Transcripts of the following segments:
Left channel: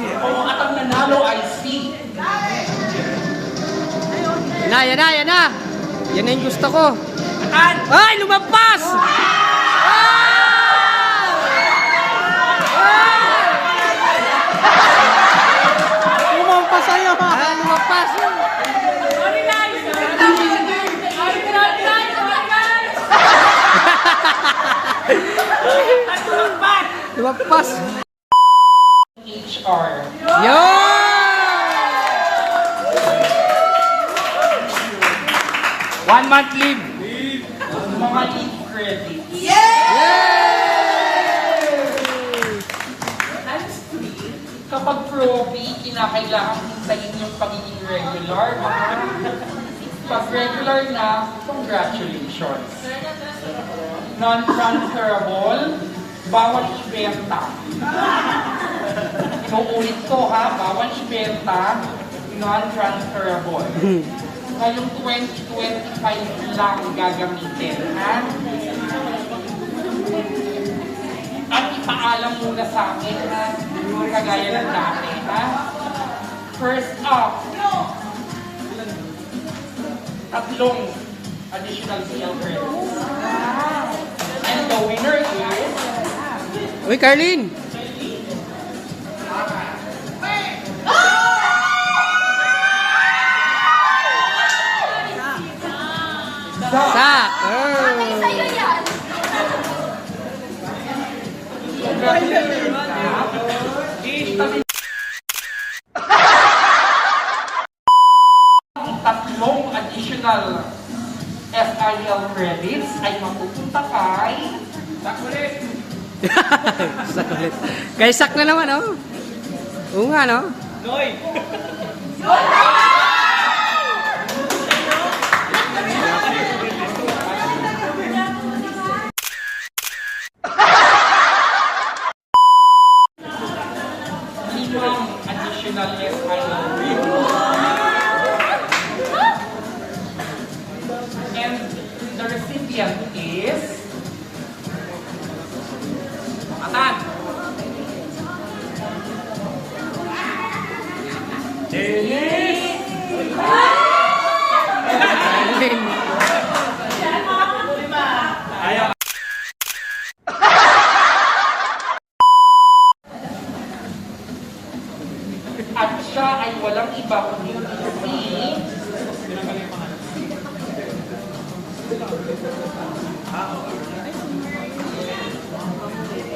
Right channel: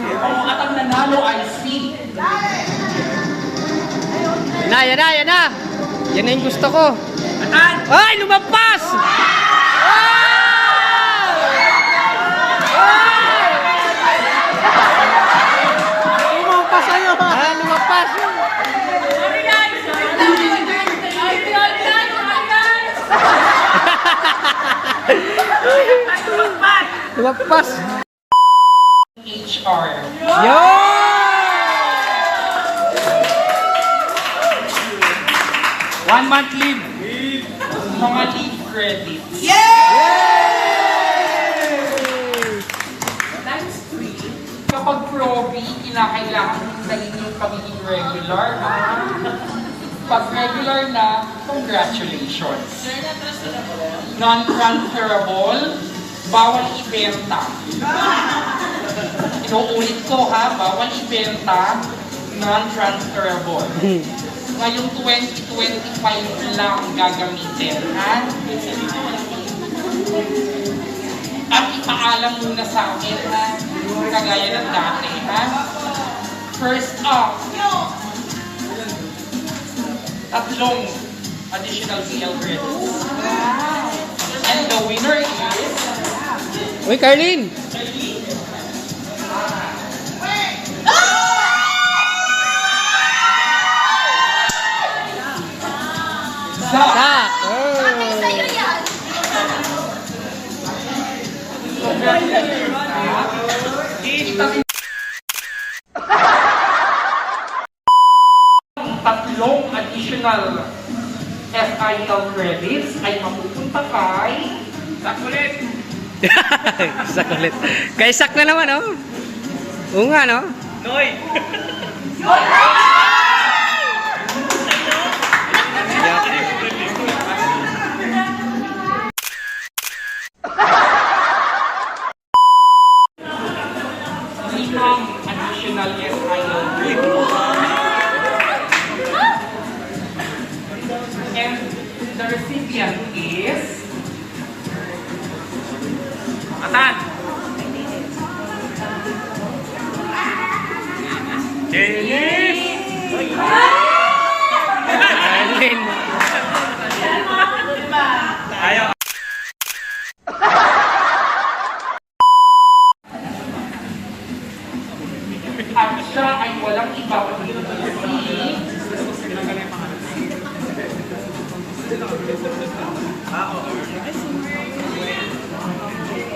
Oo, at ang nanalo ay si Yan na, yan na, yan na. Yan na yung gusto ko. Ay, lumampas! Ah! Lumampas sa'yo. Ah, lumampas. Lumampas. HR. Yun! One month leave. Mga leave credits. Times 3, kapag proby, kinakailangan hintayin yung pagiging regular. Pag regular na, congratulations. Non-transferable, bawal ibenta. Inuulit ko ha, bawal ibenta, non-transferable. Ngayong 2025 lang gagamitin, ha? At ipaalam muna sa akin, ha? Kagaya ng dati, ha? First up, tatlong additional CL credits. And the winner is... Uy, Carlin! Sak ulit. Kay sak na naman, oh. Oo nga, no? Noy. limang siya ay walang iba kundi si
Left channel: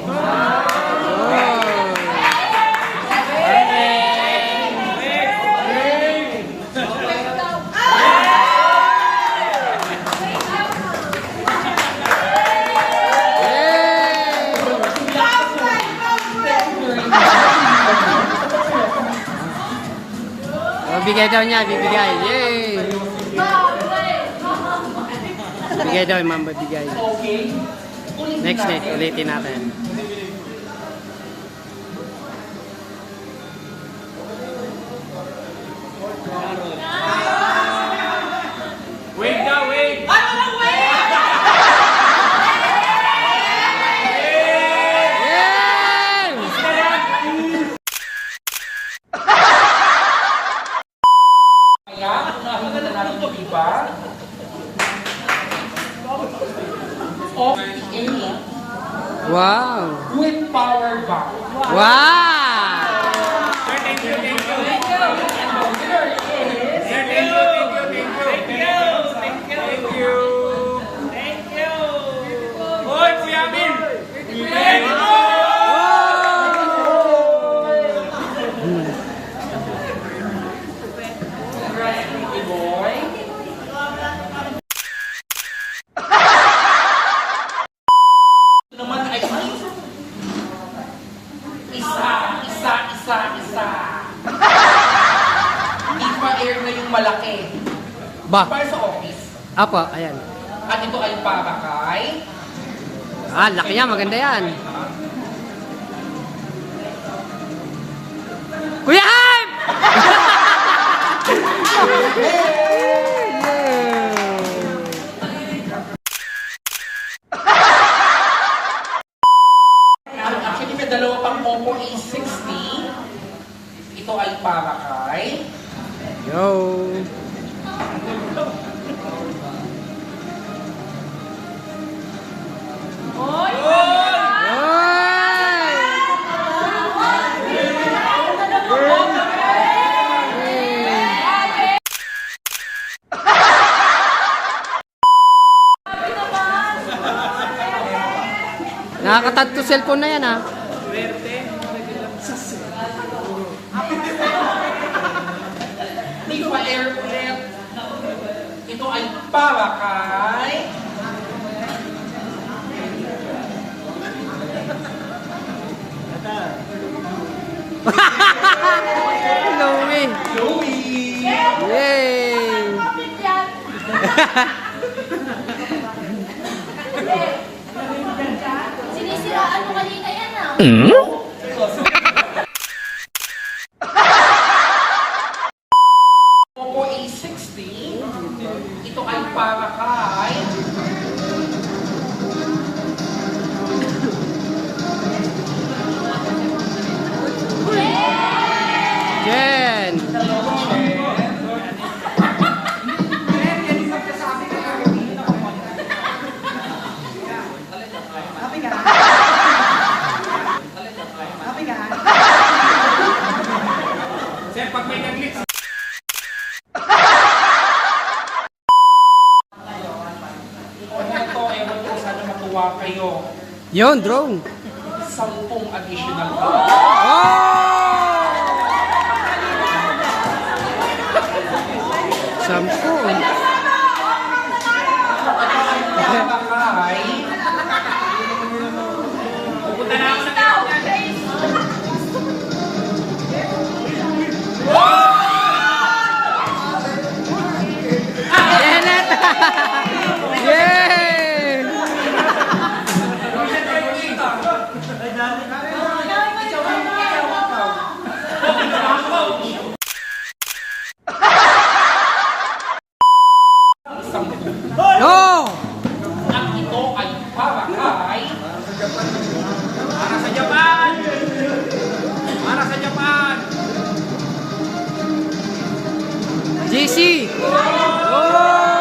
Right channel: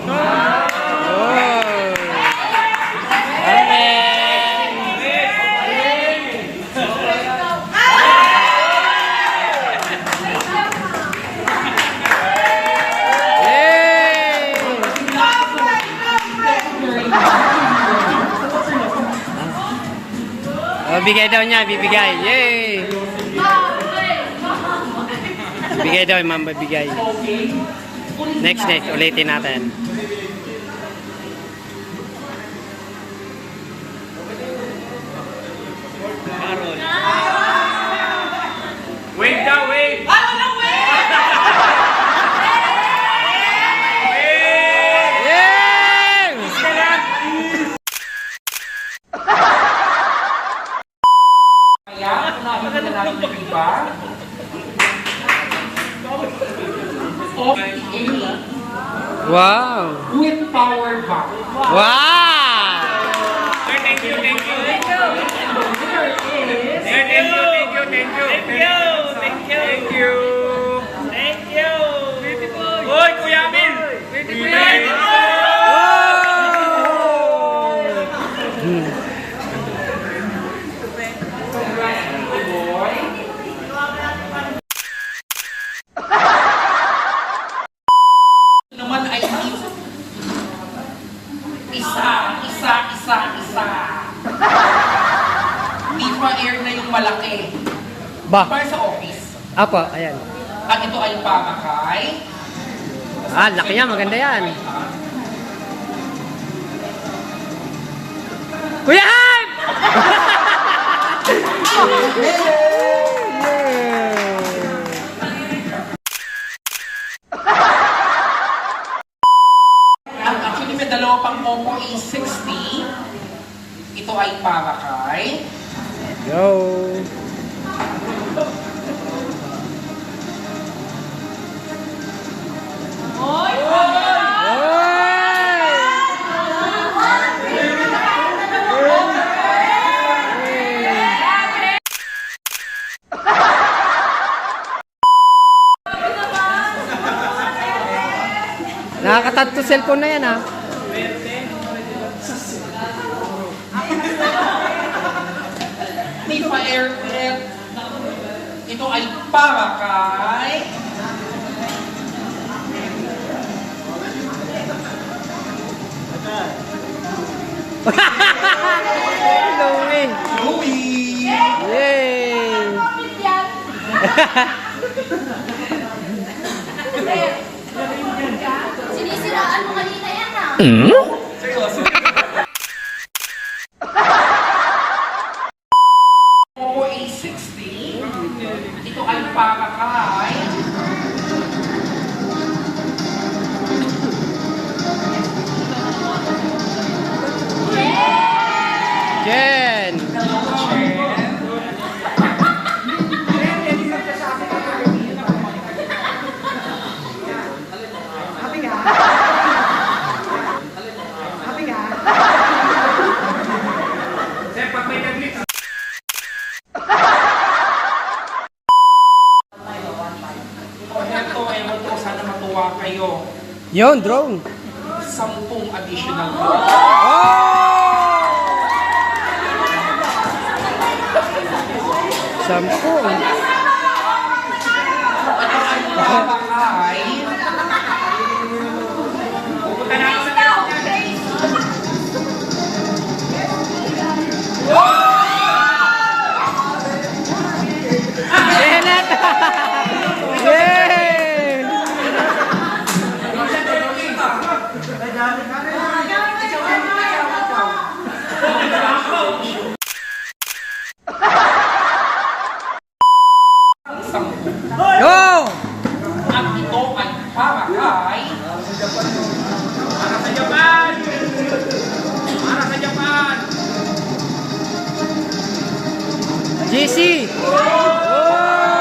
Oh! Oh, bigay daw niya, bibigay. Yay! Bigay daw, ma'am, bibigay. Next, next, ulitin natin. Wait daw, wait. Yay! Kaya, unahin na natin yung iba. OPA Wow! with power bank. Wow! Ba? Para sa office. Apo, ayan. At ito ay para kay Ah, laki yan, maganda yan. Kuya Hype! Actually, may dalawa pang Oppo A60 Ito ay para kay... Yo. Nakakatat to cellphone na yan ah. May pa-aircraft. Ito ay para kay... Louie. Louie! Yay! Sinisiraan mo kanina yan ah. Seryoso. Oppo A60. Ito ay para kay... Jen! Kayo. Yon, drone. Sampung additional dollars. Oh! Sampu. Para JC! Oh!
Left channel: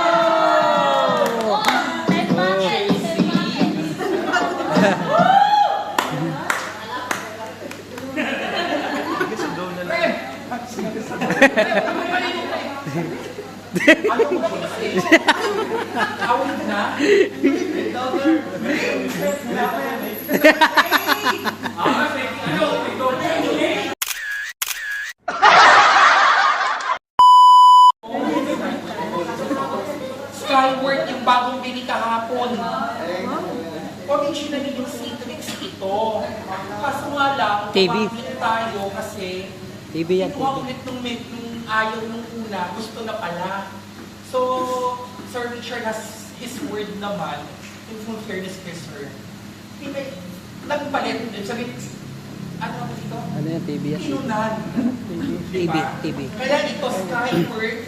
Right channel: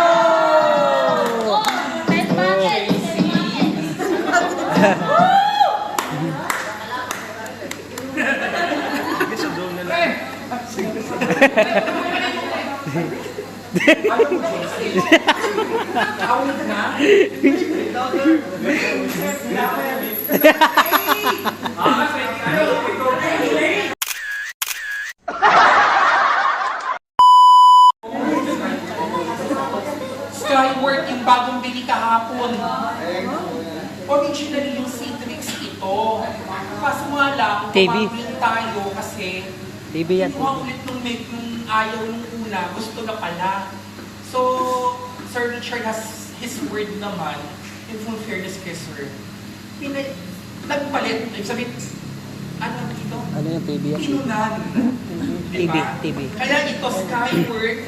Ten buckets, ten buckets. Out na. Skyward yung bagong bili kahapon. Originally yung Citrix ito. Kaso nga lang, TV. tayo kasi TV yan, yung outlet nung, nung ayaw nung una, gusto na pala. So, Sir Richard has his word naman, in full fairness kay Sir. Pinay, nagpalit, sabihin, ano dito? Ano yan, TV yan? Inunan. TV, Diba? TV. Kaya ito, Skyward,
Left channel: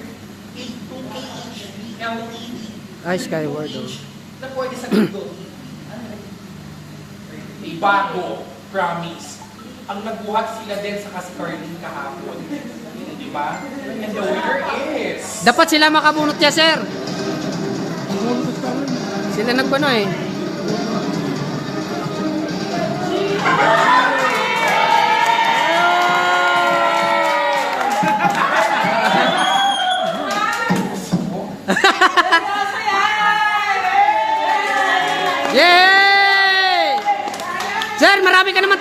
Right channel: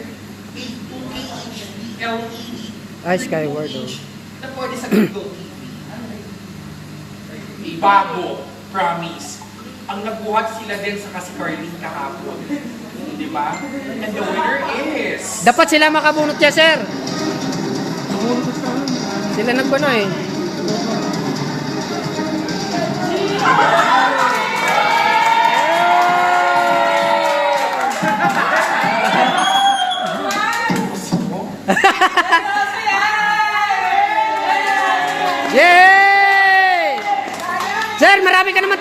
A2K HD, LED, Ay, Skyward, oh. Na pwede sa Google TV. May bago, promise. Ang nagbuhat sila din sa kasi Carlin kahapon. Di ba? And the winner is... Dapat sila makabunot niya, sir. Sila nagpano eh.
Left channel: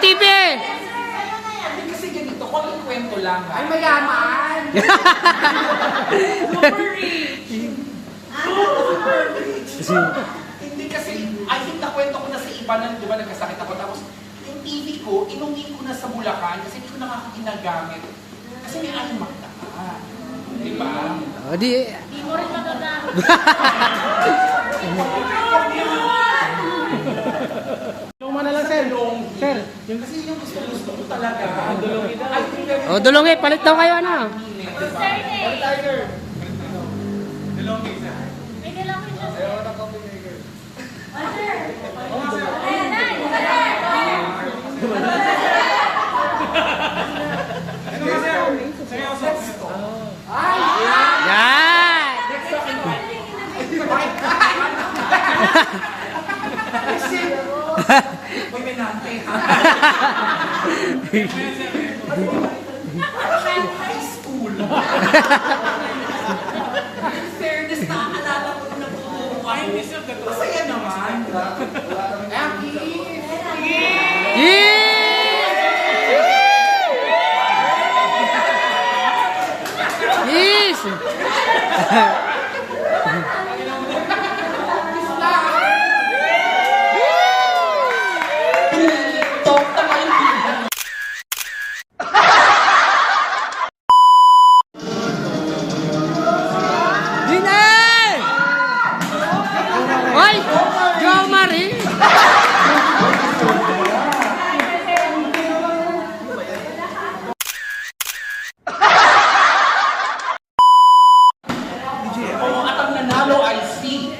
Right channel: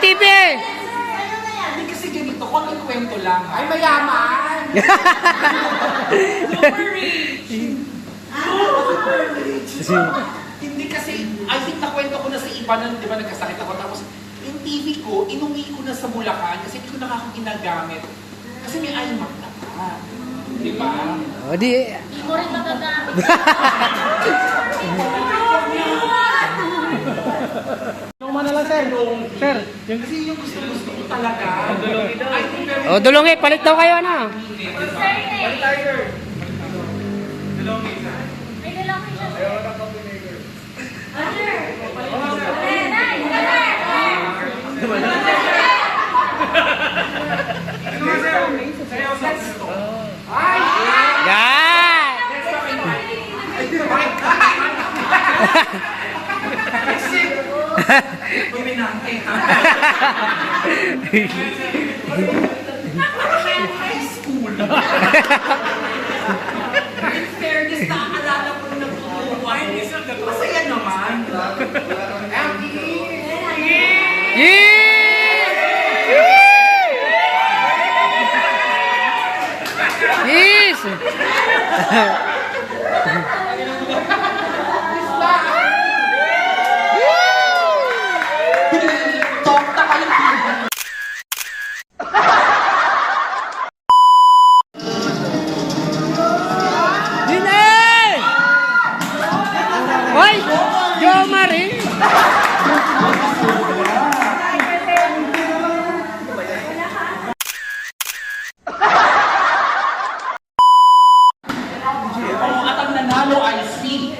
TV. Hindi kasi ganito, kwento lang. Ay, mayaman! Hindi kasi, I think nakwento ko na sa iba na, di ba, nagkasakit ako. Tapos, yung TV ko, inuwi ko na sa Bulacan kasi hindi ko na ako ginagamit. Kasi may iMac na pa. Di ba? O di, Hindi mo rin magagamit. Luma sir. Sir, yung... Kasi yung gusto gusto ko talaga. Dulongi daw. Oh, dulongi. Palit daw kayo, ano? Palit tiger. Dulongi, sir. May dulongi na, sir. Ayaw na coffee maker. Ah, sir. Oh, sir. Nice. Ano nga, sir? Ay! Yan! Next talking. Masaya naman. Yay! Isso! Ay si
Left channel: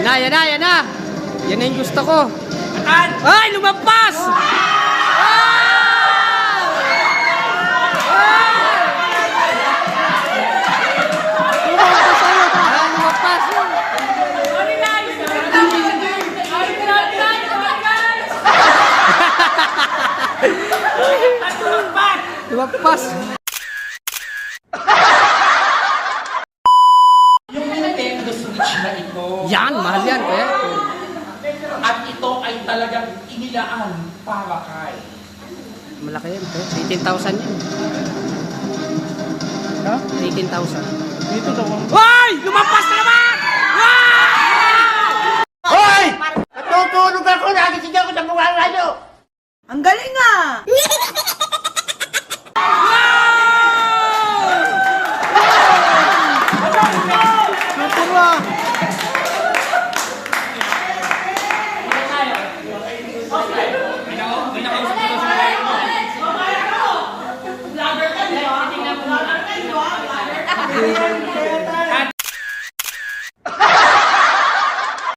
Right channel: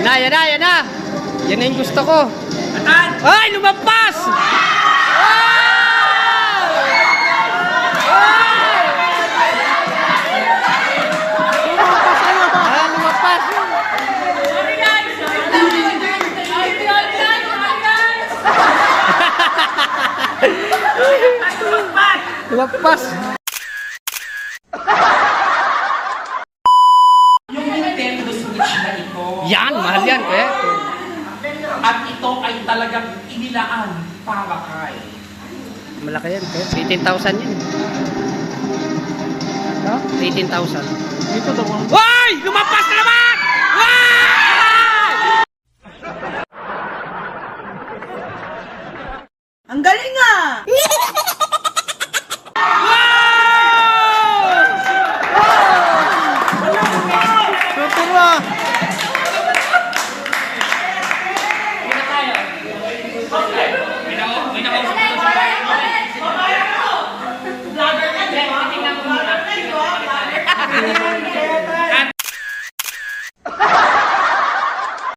Yan na, yan na, yan na! Yan na yung gusto ko. Ay, lumampas! Ay! Ay! Ah, lumampas! Lumampas! yung Nintendo Switch na ito. Yan, mahal yan, kuya. At ito ay talagang inilaan para kay Malaki yan, kuya. 18,000 yan. Ha? 18,000. Dito daw ang... Hoy! Lumampas